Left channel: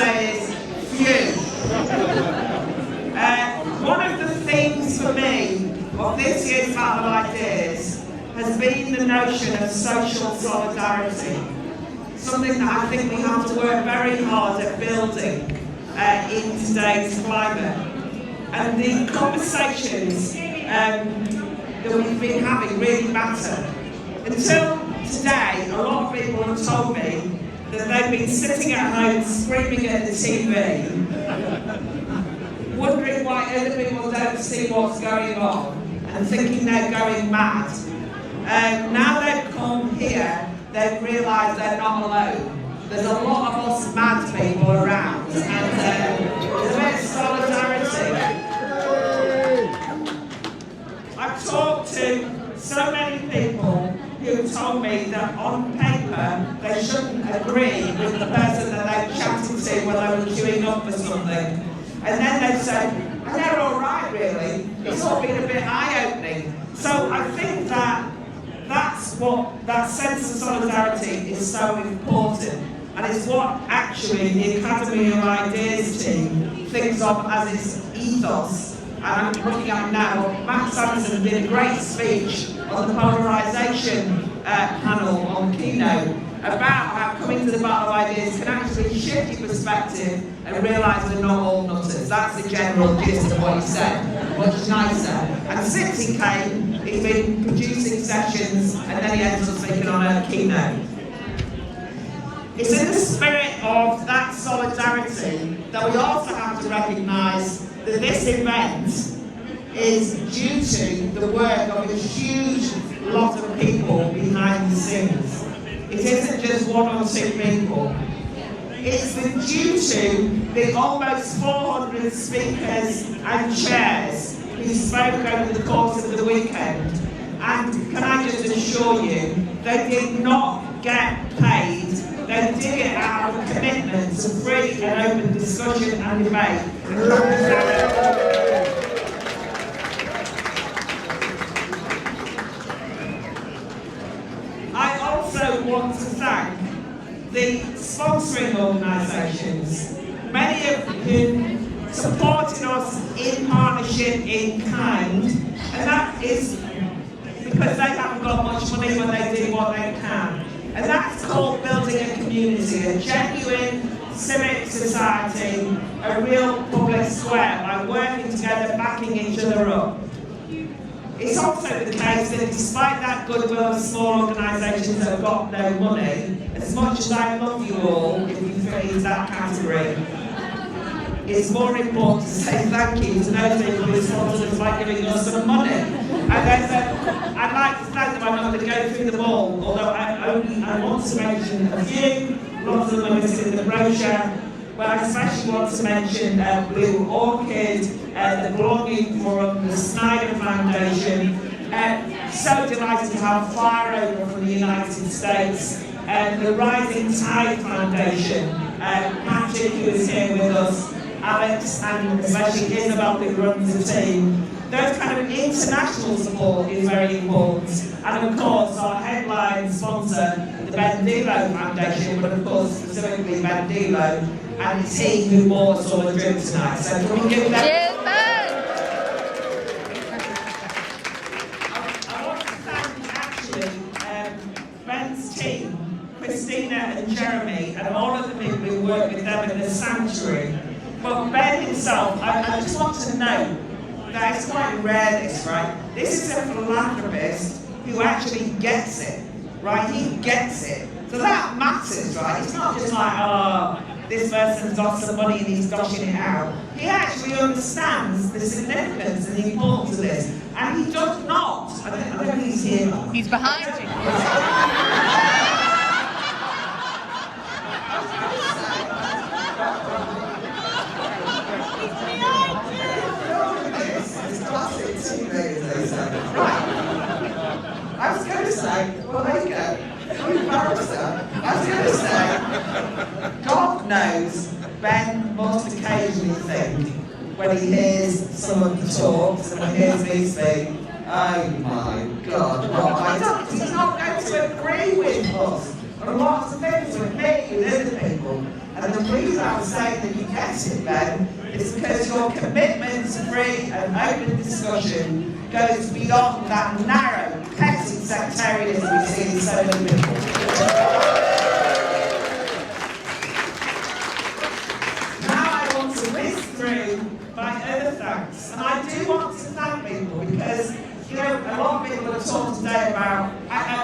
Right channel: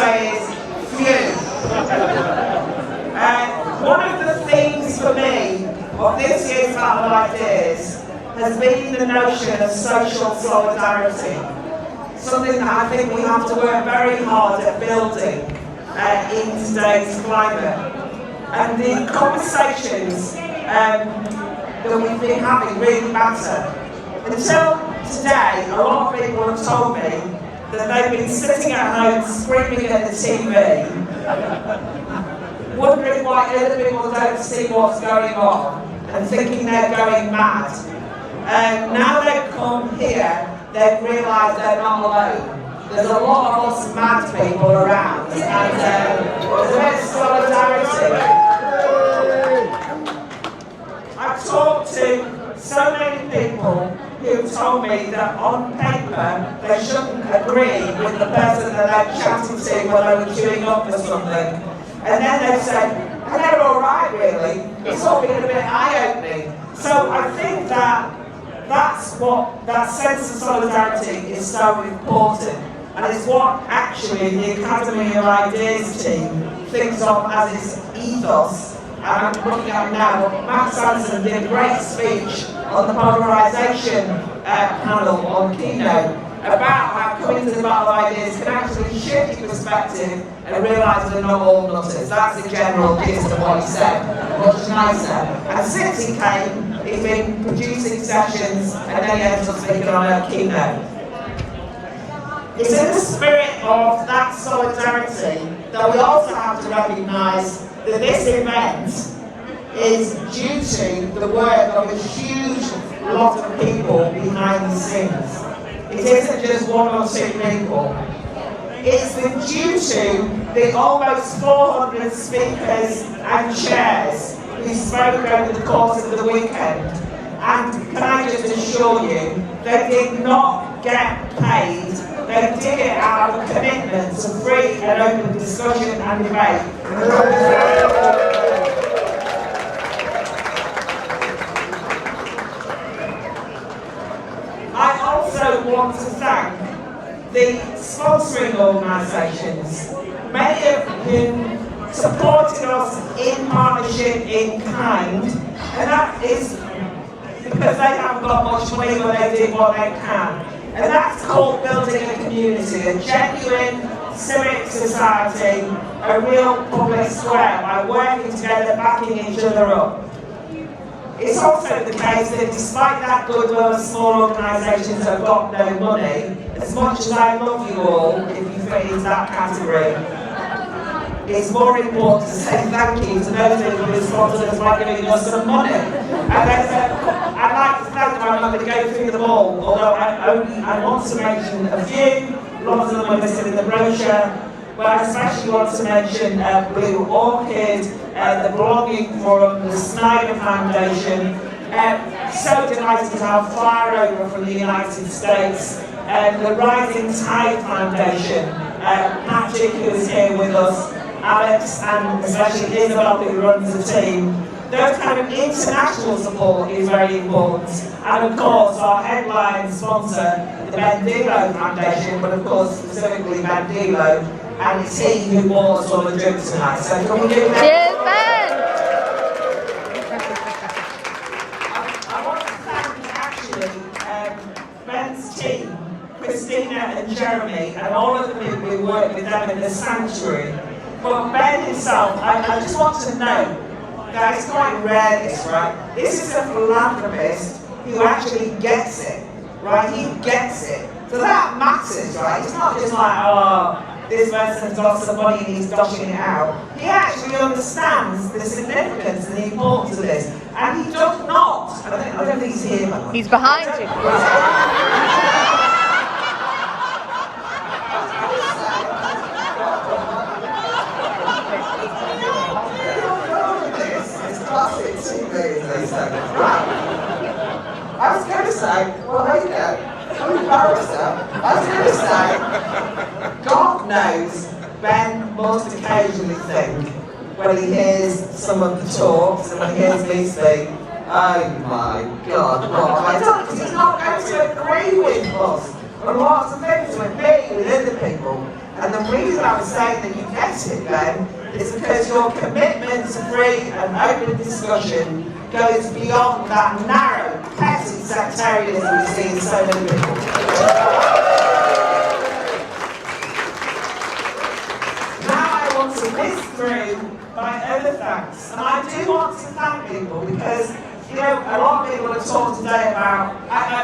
say is few. One of the themes for me of this year's Battle of Ideas has been the notion of social solidarity. Something that I think we have to work very hard at building in today's climate. And the conversations that we've been having really matter. Until today, a lot of people have told me that they've been sitting at home screaming at the TV, wondering why other people don't see what's going on and thinking they're going mad. Now they've come here, they've realised they're not alone. There's a lot of us mad people around, and there's a bit of solidarity. I've talked to so many people who told me that on paper they shouldn't agree with the person that they're chatting to when they were queuing up for something. And then they said, they're all right really, it's all been a bit eye-opening. So I think that that's what, that sense of solidarity is so important. And it's what actually the Academy of Ideas team thinks of as its ethos. And I'm looking at now, Matt Sanderson did a great speech on the polarisation panel on Keynote about how coming to the Battle of Ideas can actually shift your perspective and realise we're not all nutters. That's the general gist of what he said, much nicer. And since he came, he's been producing sessions and then he ends up speaking on a Keynote. It's in the spirit of that solidarity that we also have to recognise that this event is due to the work of a huge lot of people behind the scenes. It isn't just one or two people. It's due to the almost 400 speakers and chairs who spoke over the course of the weekend. And can I just assure you, they did not get paid. They did it out of commitment to free and open discussion and debate. I also want to thank the sponsoring organisations, many of whom supported us in partnership in kind, and that is because they haven't got much money, but they do what they can. And that's called building a community, a genuine civic society, a real public square, by working together, backing each other up. It's also the case that despite that goodwill of small organisations that have got no money, as much as I love you all, if you fit into that category, it's more important to say thank you to those people who sponsored us by giving us some money. And I'd like to thank them. I'm not going to go through them all, although I want to mention a few. Lots of them are listed in the brochure. But I especially want to mention Blue Orchid, the Belonging Forum, the Snyder Foundation. So delighted to have Fire Over from the United States, the Rising Tide Foundation, Patrick, who is here with us, Alex, and especially Isabel, who runs the team. Those kind of international support is very important. And of course, our headline sponsor, the Ben Delo Foundation, but of course, specifically Ben Delo, and it's he who bought us all the drink tonight. So can we give them? Cheers, Ben! I want to thank actually Ben's team, Christina and Jeremy, and all of the people who work with them in the sanctuary. But Ben himself, I just want to note that it's quite rare this, right? This is a philanthropist who actually gets it, right? He gets it. So that matters, right? It's not just like, oh, this person's got some money and he's doshing it out. He actually understands the significance and the importance of this. And he does not, I don't think he's here. He's behind you. Right. I was going to say, well, there you go. I'm embarrassed now. I was going to say, God knows Ben must occasionally think, when he hears some of the talks and when he hears me speak, oh my God, he's not going to agree with us. and lots of things with me, with other people. And the reason I'm saying that you get it then is because your commitment to free and open discussion goes beyond that narrow, petty sectarianism we see in so many people. Now I want to whisk through my other thanks, and I do want to thank people because, you know, a lot of people have talked today about,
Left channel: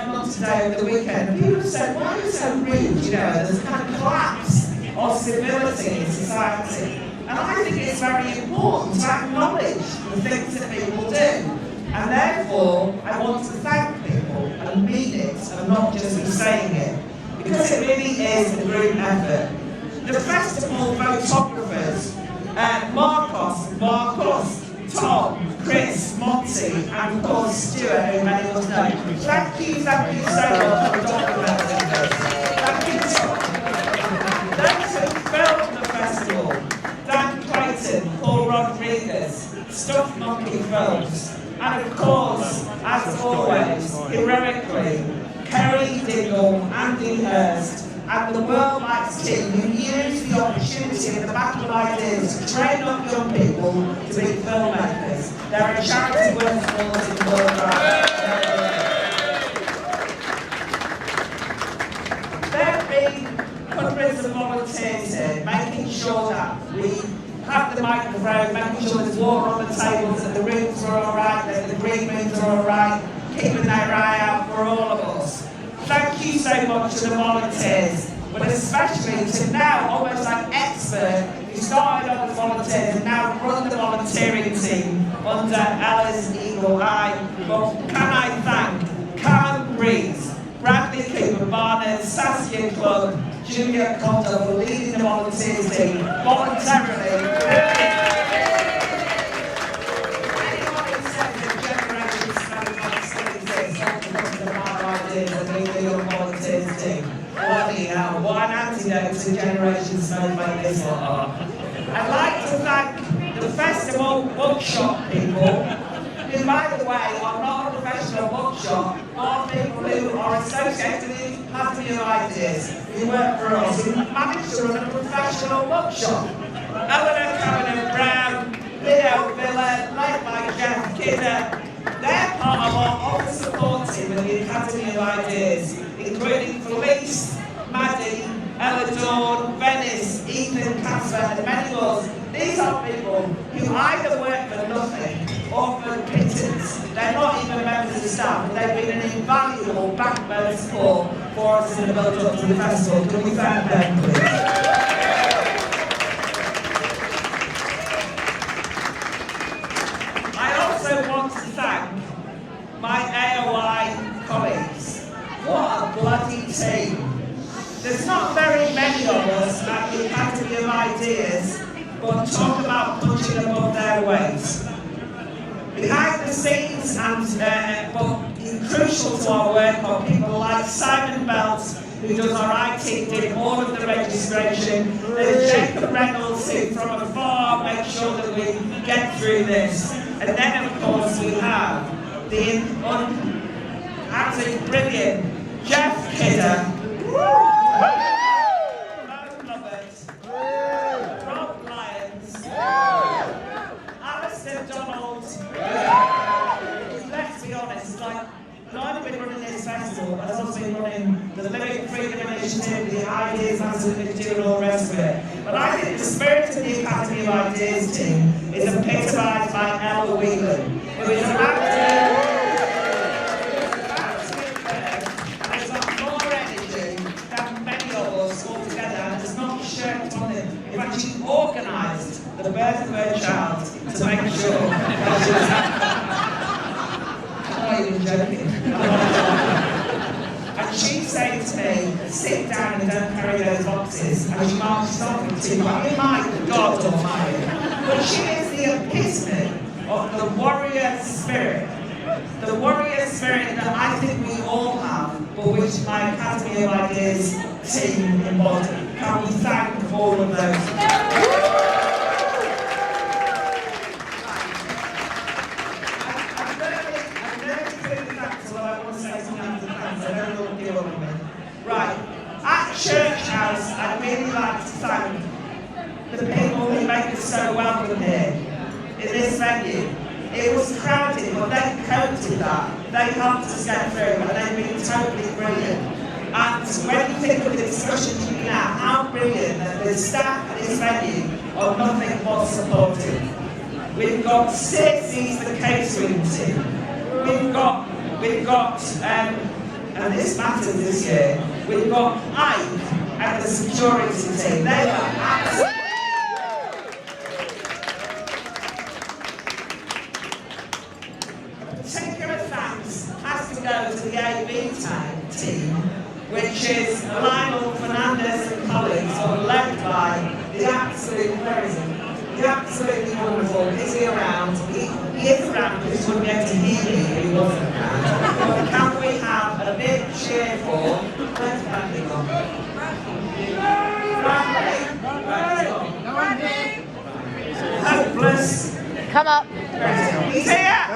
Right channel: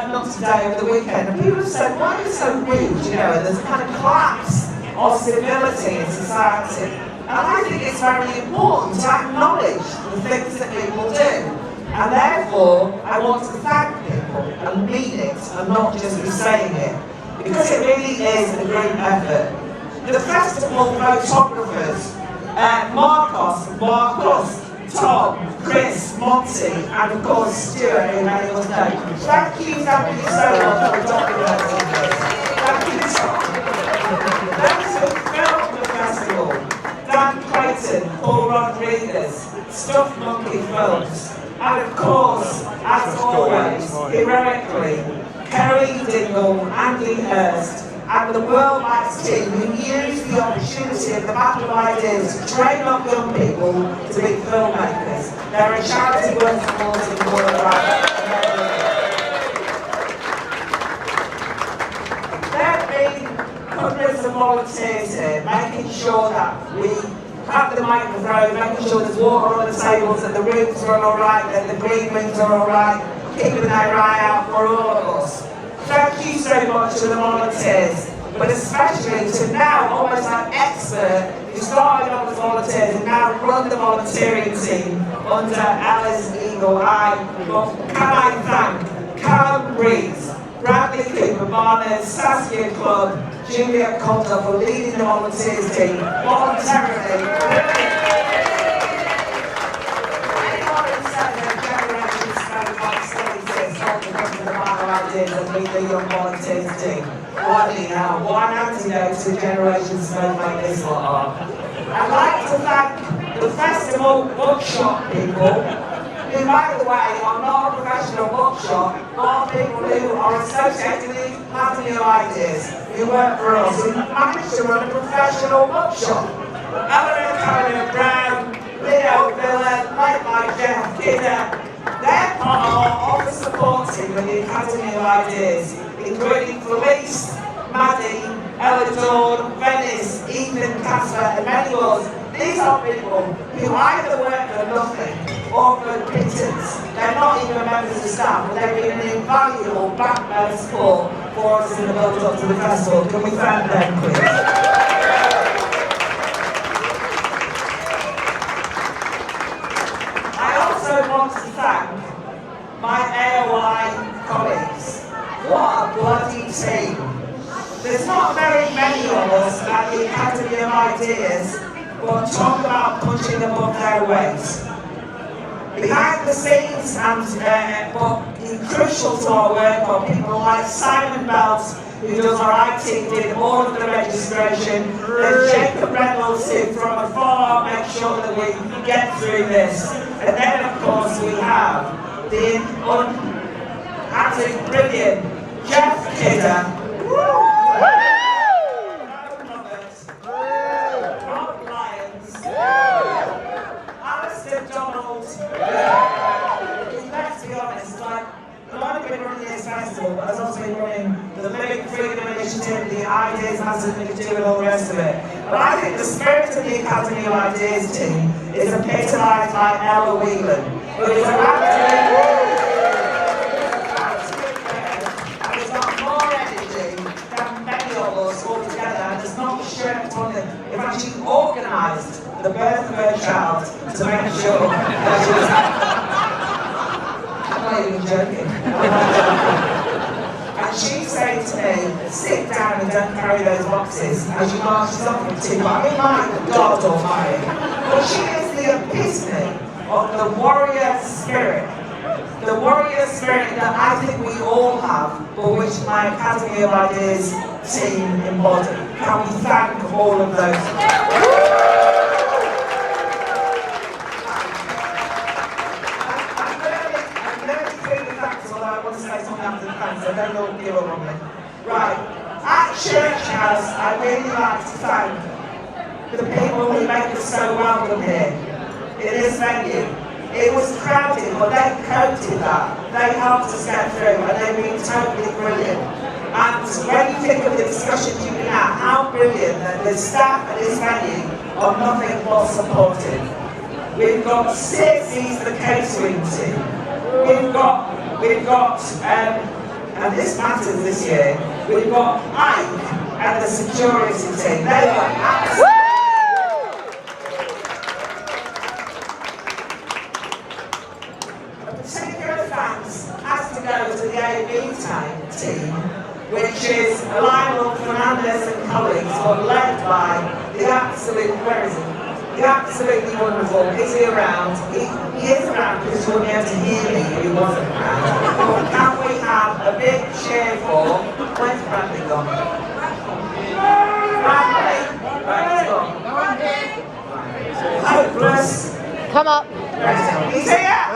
not today, over the weekend, and people have said, why are you so rude, you know, there's kind of collapse of civility in society. And I think it's very important to acknowledge the things that people do. And therefore, I want to thank people and mean it and not just be saying it. Because it really is a group effort. The festival photographers, Marcos, Tom, Chris, Monty, and of course Stuart, who many of us know. Thank you so much for documenting this. Thank you, Tom. Those who filmed the festival, Dan Clayton, Paul Rodriguez, Stuff Monkey Films, and of course, as always, heroically, Kerry Dingle, Andy Hurst, and the World Lights team who used the opportunity of the Battle of Ideas to train up young people to be filmmakers. There are charity worth supporting the world around. There have been hundreds of volunteers here, making sure that we have the microphone, making sure there's water on the tables, that the rooms are all right, that the green rooms are all right, keeping their eye out for all of us. Thank you so much to the volunteers, but especially to now almost like expert who started off as volunteers and now run the volunteering team under Ella's eagle eye. But can I thank Callum Breeze, Bradley Cooper, Barnard, Saskia Club, Julia Coulter for leading the volunteers team voluntarily. Anyone who said that Generation Smoke facilities not because of the bad ideas of the young volunteers team. What do you know? What an antidote to Generation Smoke like this lot are. I'd like to thank the festival bookshop people, who, by the way, are not a professional bookshop, are people who are associated with the Academy of Ideas, who work for us, who manage to run a professional bookshop. Eleanor Cameron Brown, Leo Villa, led by Jeff Kidder, they're part of our office support team with the Academy of Ideas, including Felice, Maddie, Ella Dawn, Venice, Ethan, Casper, and many others. These are people who either work for nothing or for pittance. They're not even members of staff, but they've been an invaluable backbone support for us in the build-up to the festival. Can we thank them, please? I also want to thank my AOI colleagues. What a bloody team. There's not very many of us at the Academy of Ideas, but talk about punching above their weight. Behind the scenes, but crucial to our work, are people like Simon Belts, who does our IT, did all of the registration, and Jacob Reynolds, who from afar makes sure that we get through this. And then, of course, we have the absolutely brilliant Jeff Kidder, Rob Lyons, Alistair Donald. Let's be honest, like, I've been running this festival, but I've also been running the Living Freedom Initiative, the Ideas Massive Initiative, and all the rest of it. But I think the spirit of the Academy of Ideas team is epitomised by Ella Whelan, who is an absolute in fact, she organised the birth of her child to make sure that she was I'm not even joking. And she said to me, sit down and don't carry those boxes, and she marched something to me. I mean, my God almighty. But she is the epitome of the warrior spirit. The warrior spirit that I think we all have, but which my Academy of Ideas team embody. Can we thank all of those? I'm going to give the thanks, although I want to say something after the thanks, I don't know what you're on me. Right. House, I'd really like to thank the people who make us so welcome here in this venue. It was crowded, but they coped that. They helped us get through, and they've been totally brilliant. And when you think of the discussions you've been at, how brilliant that the staff at this venue are nothing but supportive. We've got Stacey's the catering team. We've got, and this matters this year, we've got Ike and the security team. They were absolutely. A particular thanks has to go to the AB team, which is Lionel Fernandez and colleagues, who are led by the absolute president. The absolutely wonderful. Is he around? He is around because you wouldn't be able to hear me if he wasn't around. Can we have a big cheer for, where's Bradley gone? Bradley! Hopeless! Come on! He's here!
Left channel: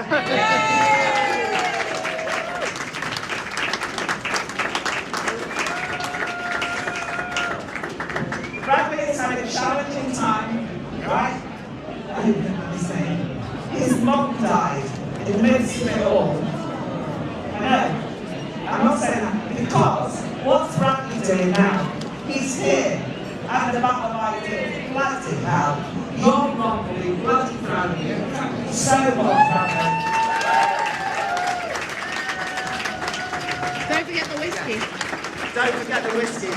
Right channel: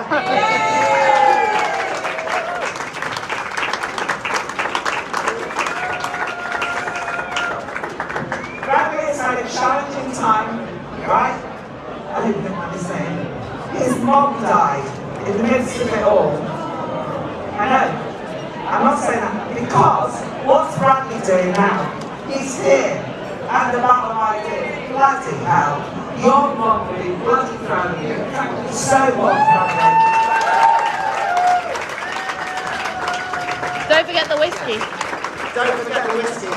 Bradley has had a challenging time. Right? His mom died in the midst of it all. I know. I'm not saying that because what's Bradley doing now? He's here at the Battle of Ideas, bloody hell. Your mom will be bloody proud of you. Thank you so much, Bradley. Don't forget the whiskey. Don't forget the whiskey.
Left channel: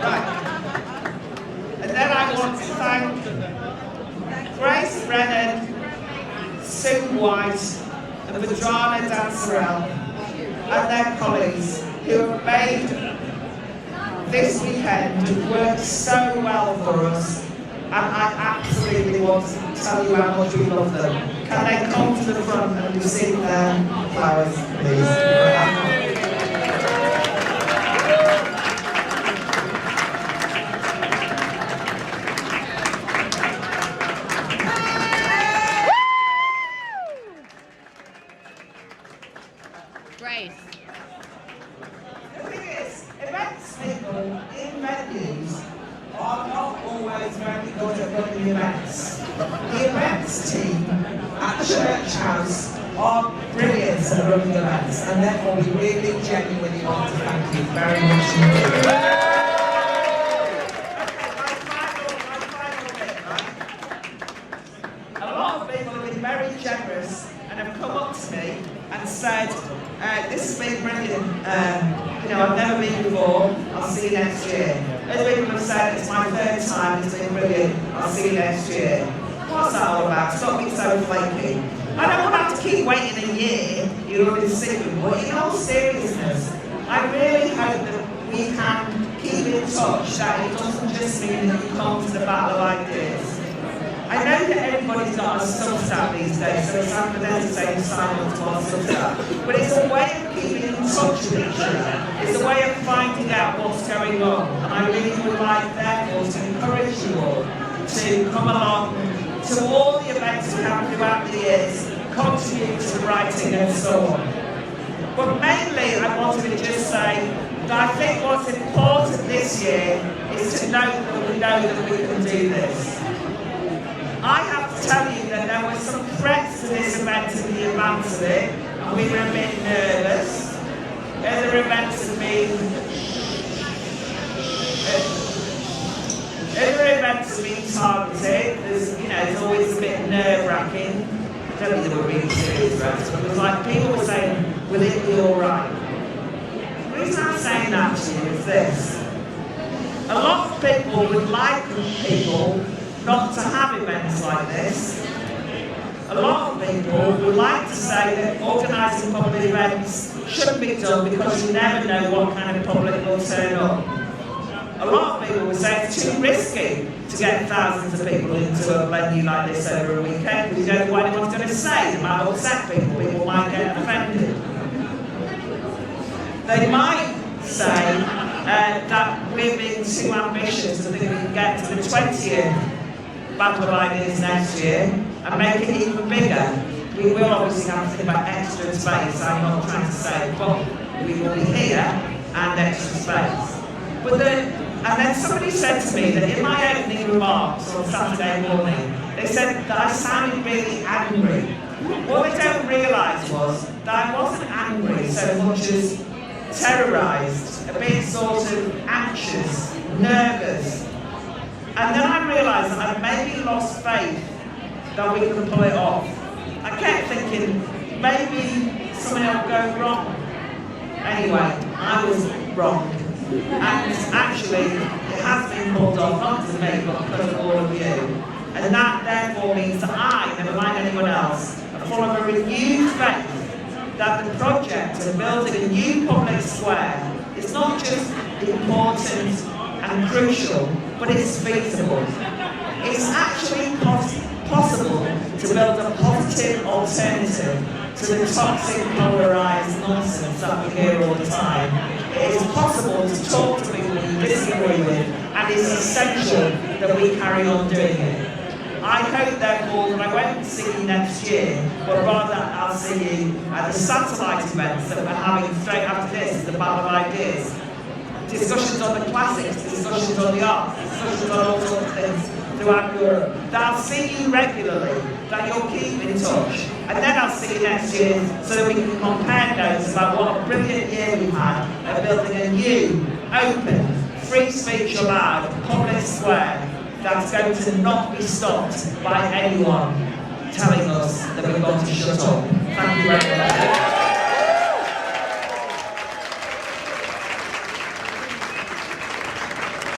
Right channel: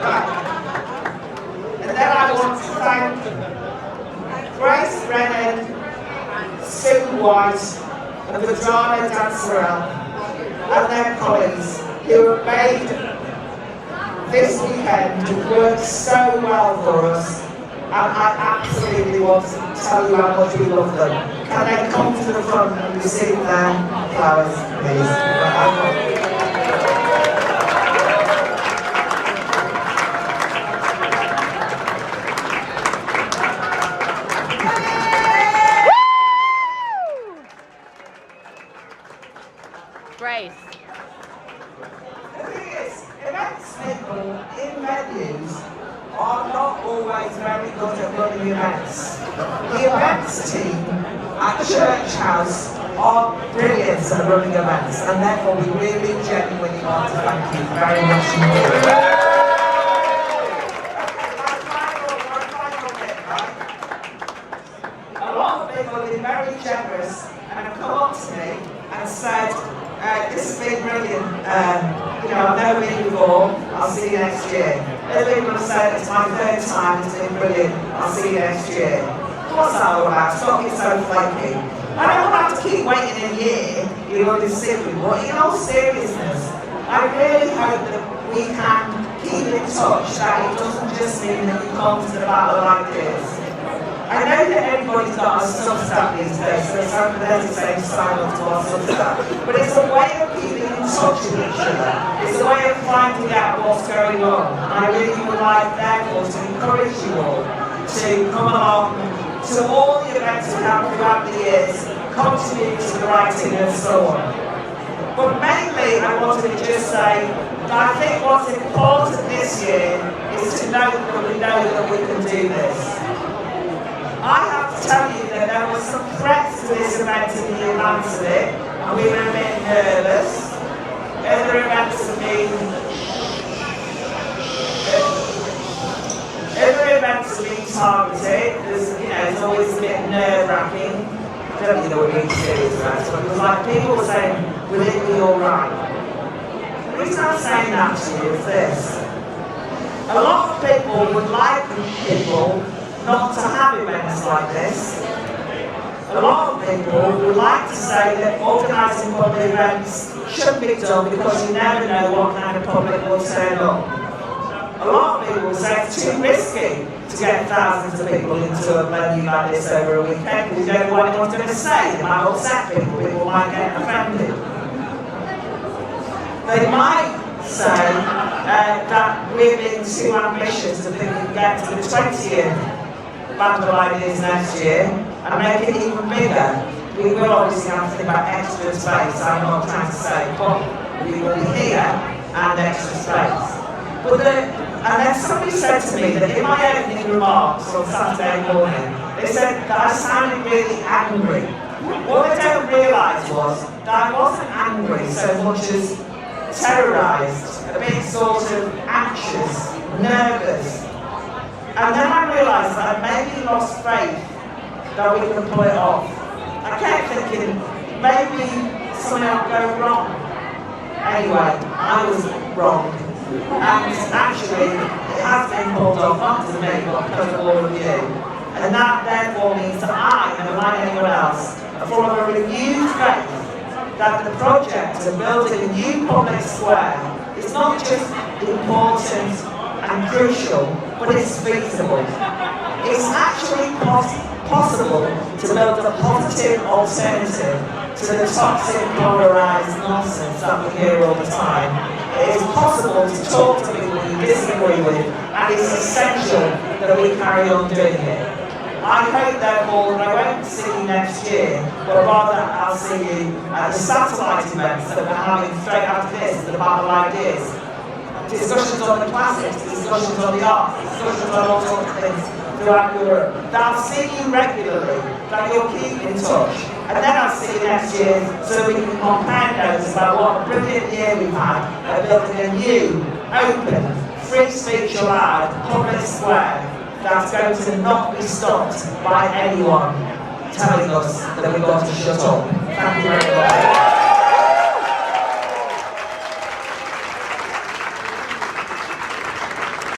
Right. And then I want to thank Grace Brennan, Sue White, and Vadrana Dancerell, and their colleagues who have made this weekend work so well for us, and I absolutely want to tell you how much we love them. Can they come to the front and receive their flowers, please? Grace. The thing is, events people in venues are not always very good at running events. The events team at Church House are brilliant at running events, and therefore we really genuinely want to thank you very much indeed. Okay, my final bit, right? A lot of people have been very generous and have come up to me and said, this has been brilliant. I've never been before. I'll see you next year. Other people have said it's my third time. It's been brilliant. I'll see you next year. What's that all about? Stop being so flaky. I don't want to have to keep waiting a year. You'll only see me. But in all seriousness, I really hope that we can keep in touch. That it doesn't just mean that you come to the Battle of Ideas. I know that everybody's got a Substack these days, so it's over there to say sign up to our Substack. But it's a way of keeping in touch with each other. It's a way of finding out what's going on. And I really would like, therefore, to encourage you all to come along to all the events we have throughout the years, contribute to the writing and so on. But mainly, I wanted to just say that I think what's important this year is to know that we can do this. I have to tell you that there were some threats to this event in the advance of it, and we were a bit nervous. Other events have been targeted. There's always a bit nerve-wracking. I don't think they were really serious threats, but it was like people were saying, will it be alright? The reason I'm saying that to you is this. A lot of people would like people not to have events like this. A lot of people would like to say that organising public events shouldn't be done because you never know what kind of public will turn up. A lot of people would say it's too risky to get thousands of people into a venue like this over a weekend because you don't know what anyone's going to say. They might upset people, people might get offended. They might say that we're being too ambitious and think we can get to the 20th Battle of Ideas next year and make it even bigger. We will obviously have to think about extra space, I'm not trying to say, but we will be here and extra space. And then somebody said to me that in my opening remarks on Saturday morning, they said that I sounded really angry. What they don't realise was that I wasn't angry so much as terrorised, a bit sort of anxious, nervous. And then I realised that I'd maybe lost faith that we can pull it off. I kept thinking, maybe something will go wrong. Anyway, I was wrong. And actually, it has been pulled off, not to me, but because of all of you. And that therefore means that I, never mind anyone else, are full of a renewed faith that the project of building a new public square is not just important and crucial, but it's feasible. It's actually possible to build a positive alternative to the toxic, polarised nonsense that we hear all the time. It is possible to talk to people you disagree with, and it's essential that we carry on doing it. I hope, therefore, that I won't see you next year, but rather I'll see you at the satellite events that we're having straight after this, the Battle of Ideas. Discussions on the classics, discussions on the arts, discussions on all sorts of things throughout Europe. That I'll see you regularly, that you'll keep in touch. And then I'll see you next year so that we can compare notes about what a brilliant year we've had at building a new, open, free speech allowed public square that's going to not be stopped by anyone telling us that we've got to shut up. Thank you very much.